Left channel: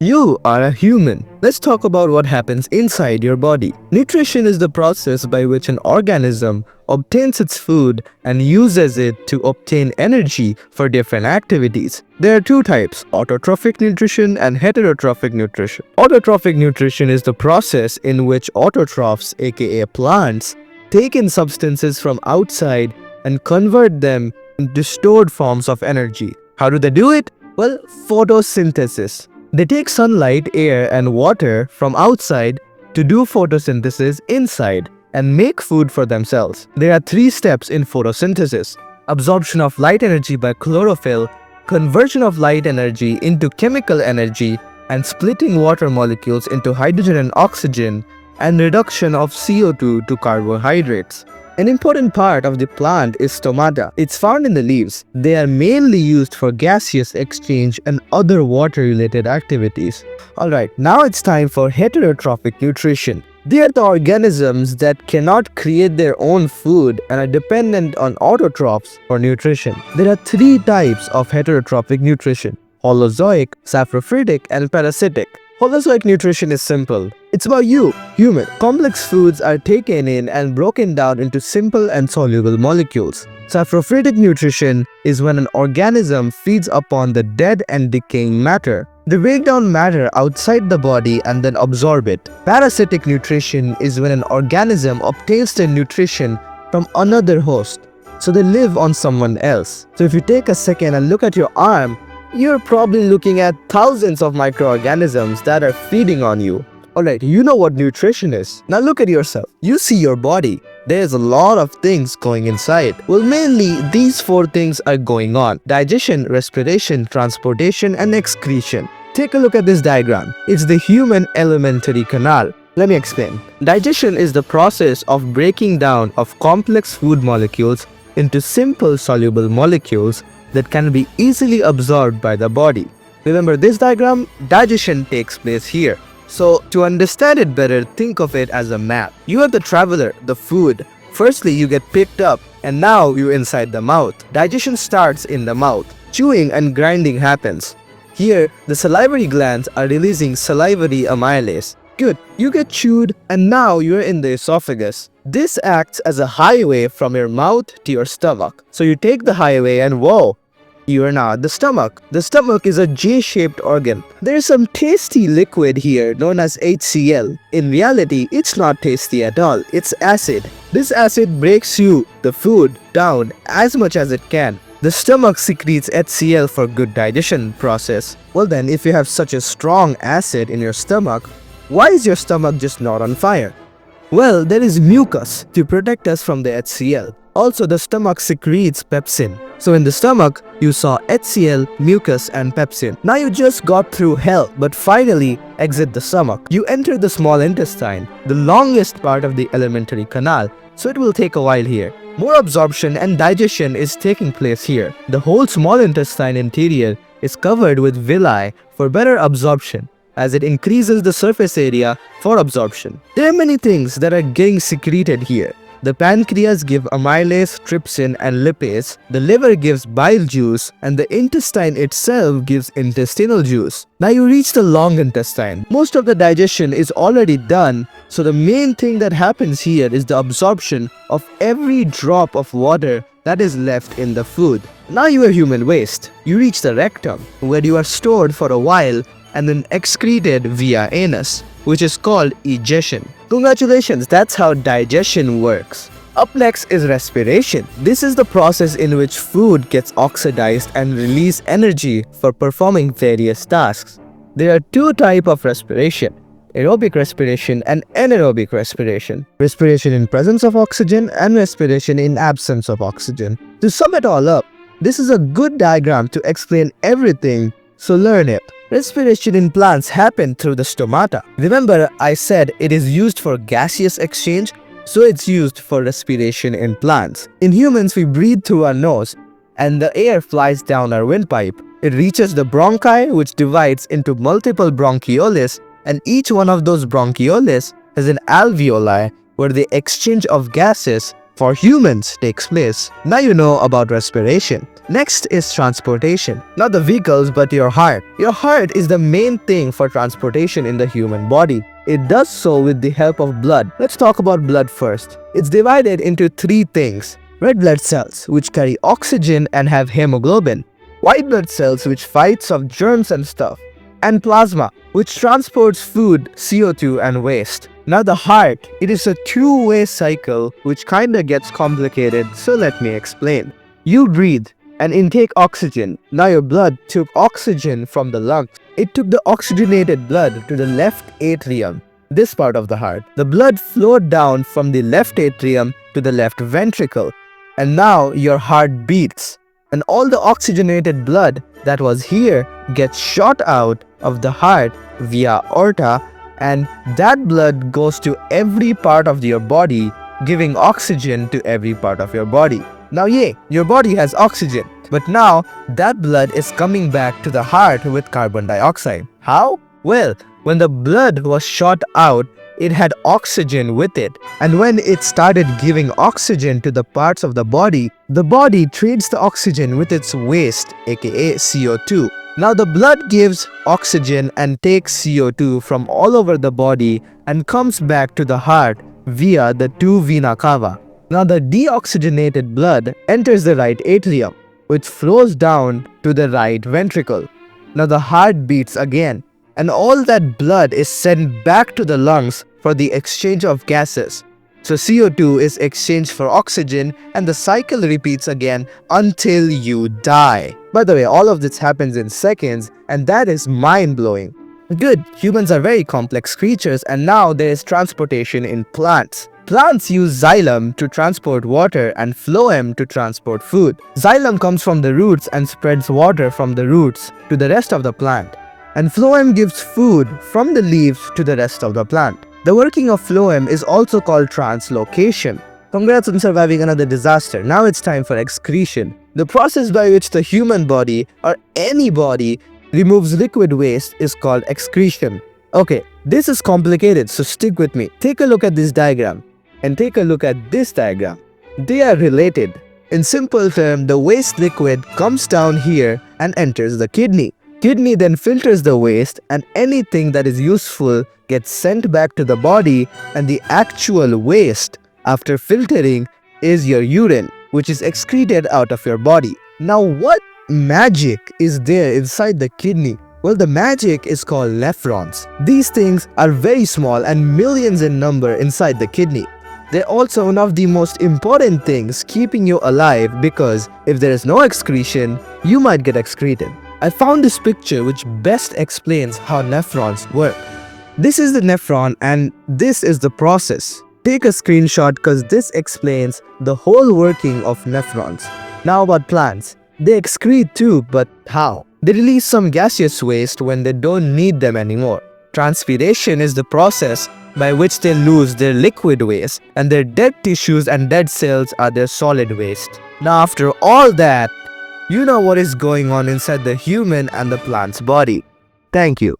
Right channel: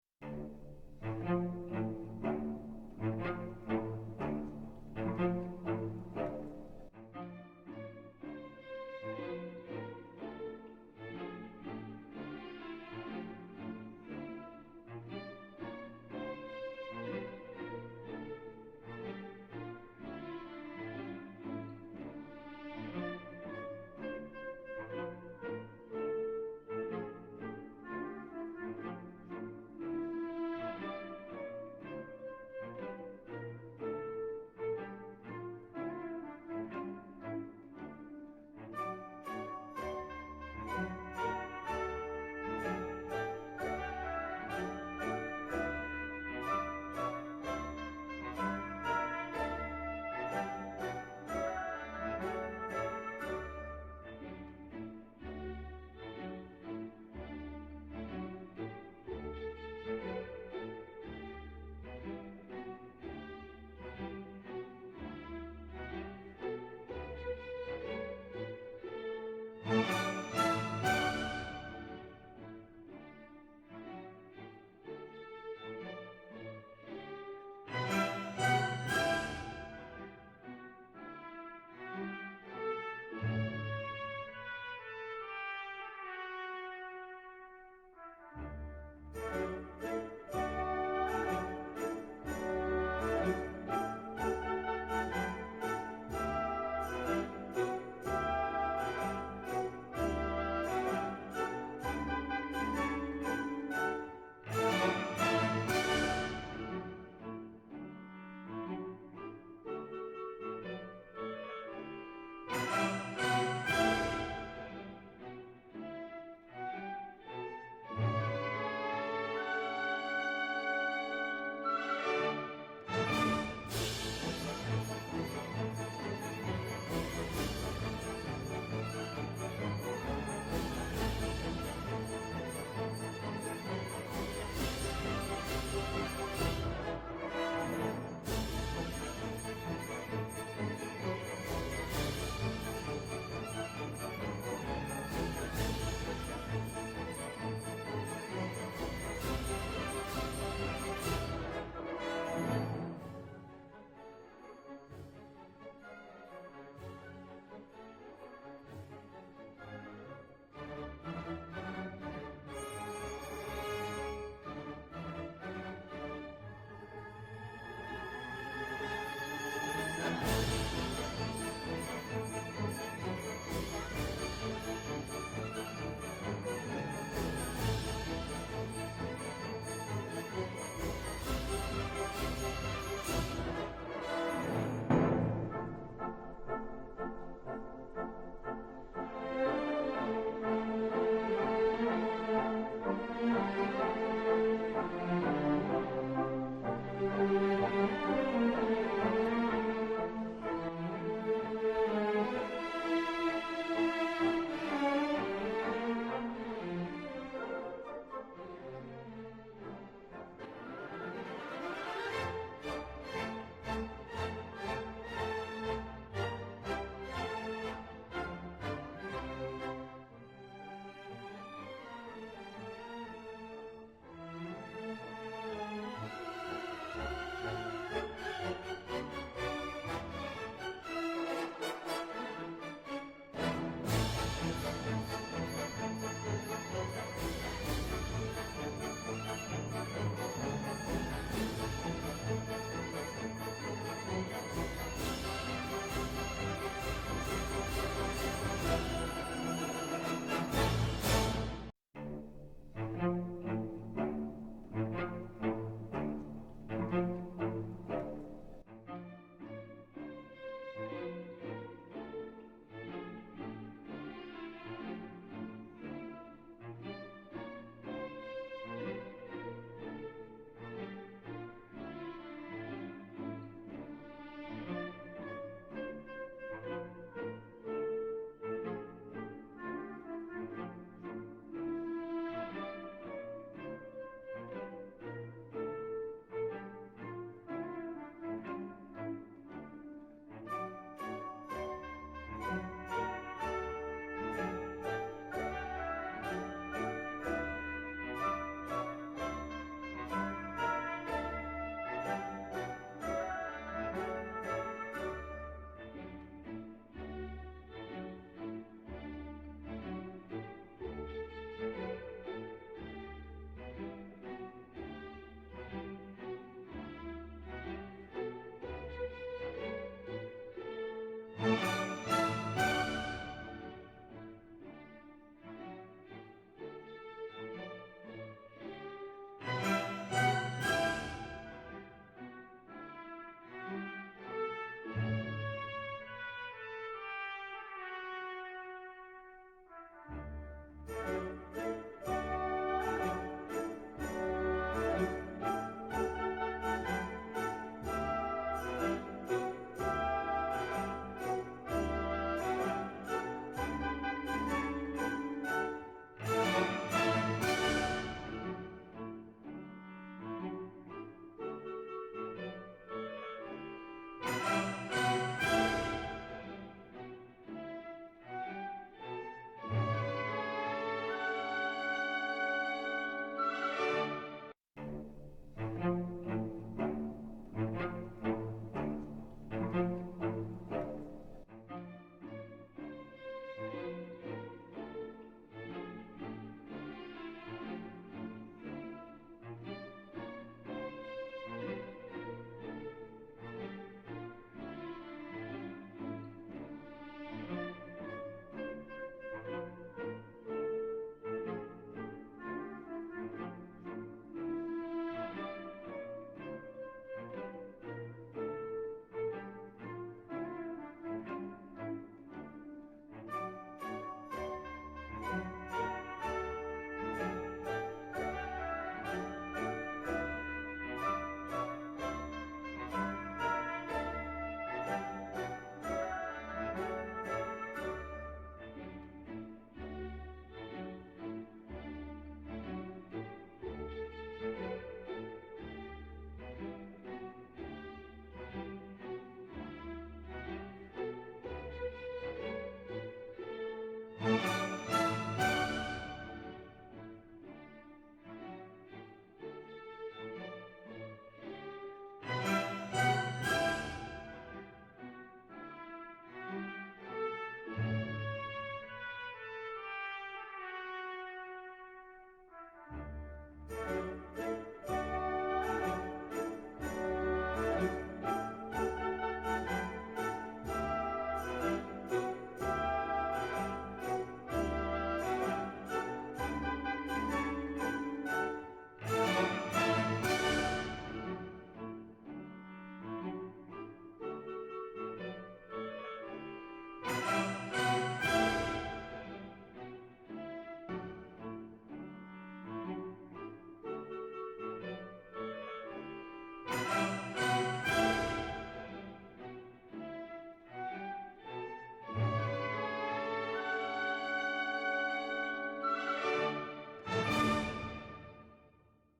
You are a human. Let's talk about what happens inside your body. Nutrition is the process by which an organism obtains its food and uses it to obtain energy for different activities. There are two types, autotrophic nutrition and heterotrophic nutrition. Autotrophic nutrition is the process in which autotrophs, aka plants, take in substances from outside and convert them into stored forms of energy. How do they do it? Well, photosynthesis. They take sunlight, air, and water from outside to do photosynthesis inside and make food for themselves. There are three steps in photosynthesis: absorption of light energy by chlorophyll, conversion of light energy into chemical energy, and splitting water molecules into hydrogen and oxygen, and reduction of CO2 to carbohydrates. An important part of the plant is stomata. It's found in the leaves. They are mainly used for gaseous exchange and other water-related activities. Alright, now it's time for heterotrophic nutrition. They are the organisms that cannot create their own food and are dependent on autotrophs for nutrition. There are three types of heterotrophic nutrition: holozoic, saprophytic, and parasitic. Holozoic nutrition is simple. It's about you, human. Complex foods are taken in and broken down into simple and soluble molecules. Saprophytic nutrition is when an organism feeds upon the dead and decaying matter. They break down matter outside the body and then absorb it. Parasitic nutrition is when an organism obtains their nutrition from another host, so they live on someone else. So if you take a second and look at your arm, you're probably looking at thousands of microorganisms that are feeding on you. Alright, you know what nutrition is. Now look at yourself. You see your body. There's a lot of things going inside. Well, mainly these four things are going on: digestion, respiration, transportation, and excretion. Take a look at this diagram. It's the human alimentary canal. Let me explain. Digestion is the process of breaking down of complex food molecules into simple soluble molecules that can be easily absorbed by the body. Remember this diagram? Digestion takes place here. So to understand it better, think of it as a map. You are the traveler, the food. Firstly, you get picked up and now you're inside the mouth. Digestion starts in the mouth. Chewing and grinding happens. Here, the salivary glands are releasing salivary amylase. Good, you get chewed and now you're in the esophagus. This acts as a highway from your mouth to your stomach. So you take the highway and whoa, you are now at the stomach. The stomach is a J-shaped organ. There is some tasty liquid here known as HCl. In reality, it's not tasty at all. It's acid. This acid breaks you, the food, down as much as it can. The stomach secretes HCl for good digestion process. Well then, if you have such a strong acid in your stomach, why is your stomach just not on fire? Well, there is mucus to protect us from the HCl. Also, the stomach secretes pepsin. So in the stomach, you saw HCl, mucus, and pepsin. Now you just got through hell, but finally exit the stomach. You enter the small intestine, the longest part of the alimentary canal, so it will take a while here. More absorption and digestion is taking place here. The whole small intestine interior is covered with villi for better absorption, as it increases the surface area for absorption. There are many things that are getting secreted here. The pancreas gives amylase, trypsin, and lipase. The liver gives bile juice, and the intestine itself gives intestinal juice. Now you reach the long intestine. Most of the digestion is already done, so the main thing that happens here is the absorption of every drop of water that is left in the food. Now you are human waste. You reach the rectum, where you are stored for a while and then excreted via anus, which is called egestion. Congratulations, that's how digestion works. Up next is respiration. This is the process in which food gets oxidized and release energy for performing various tasks. There are two types of respiration: aerobic respiration and anaerobic respiration. Respiration in presence of oxygen and respiration in absence of oxygen. To sum it all up, this is a good diagram to explain everything, so learn it. Respiration in plants happen through the stomata. Remember, I said it is used for gaseous exchange, so it's used for respiration in plants. In humans, we breathe through our nose, and the air flies down our windpipe. It reaches the bronchi, which divides into multiple bronchioles, and each one of those bronchioles has an alveoli where the exchange of gases for humans takes place. Now you know about respiration. Next is transportation. Not the vehicles, but your heart. Your heart is the main thing for transportation in the human body. It does so with the help of blood. Let's talk about blood first. It's divided into three things. Red blood cells, which carry oxygen and have hemoglobin. White blood cells, which fights off germs and stuff. And plasma, which transports food, CO2 and waste. Now the heart, it is a two-way cycle which kinda gets complicated, so let me explain. You breathe and intake oxygen. Now your blood took oxygen from the lungs. It took the oxygenated blood to the left atrium, this part of the heart. The blood flowed down from the left atrium to the left ventricle. And now your heart beats. And all the oxygenated blood that was here gets shot out of the heart via aorta, and that blood goes to every part of your body, giving oxygen to every part of your body. Now your body has oxygen, but now that blood is coming back to the heart with carbon dioxide. How? Well, when the blood was shot out, it had oxygen with it, and when it started giving oxygen to the parts of the body trades the oxygen with its waste, aka CO2. Now the blood gives oxygen and takes CO2 from all over the body and comes back to the heart via the two vena cava. Now the deoxygenated blood enters the right atrium, which flows down to the right ventricle. Now the heart beats again, and all that blood is sent back to the lungs for the exchange of gases. So CO2 is exchanged for oxygen, and the cycle repeats again until you die. By the way, all of this happens in seconds, and that is mind-blowing. Good, humans are very complex creatures, and now there is transportation in plants. Plants use xylem to transport water and phloem to transport food. Xylem comes from the roots and spreads water from the roots to the rest of the plant. And phloem gives food from the leaves to the rest of the plant. The working of phloem is also called translocation. Congrats on surviving another disaster. Now it's time for excretion. The process by which the human body or any body removes liquid waste is called excretion. Okay, this is complicated, so stick with me. Take a look at this diagram and take a look at this diagram. They are related. In simple terms, the waste liquid comes down here and enters the kidney. Kidney then filters the waste, and anything that is useful gets sent back to the body, and the actual waste after filtering is your urine, which is excreted out of your body. Now what magic is there inside the kidney? Well, the magic is called nephrons. These things are very small and millions in number inside the kidney. They're also one of the most important things keeping you alive, because if there is no excretion, you might get excreted. I found this picture which best explains how nephrons work. This is the nephron and this is the process. Take a screenshot because this explains the whole working of nephrons. Now about plants. They excrete too, but how? They release some gaseous waste when they don't need them anymore. Transpiration is the process by which they lose their liquid waste, and their dead tissues and dead cells are their solid waste. Now after all that, you know what is going on inside the human and the plant's body. Thank you.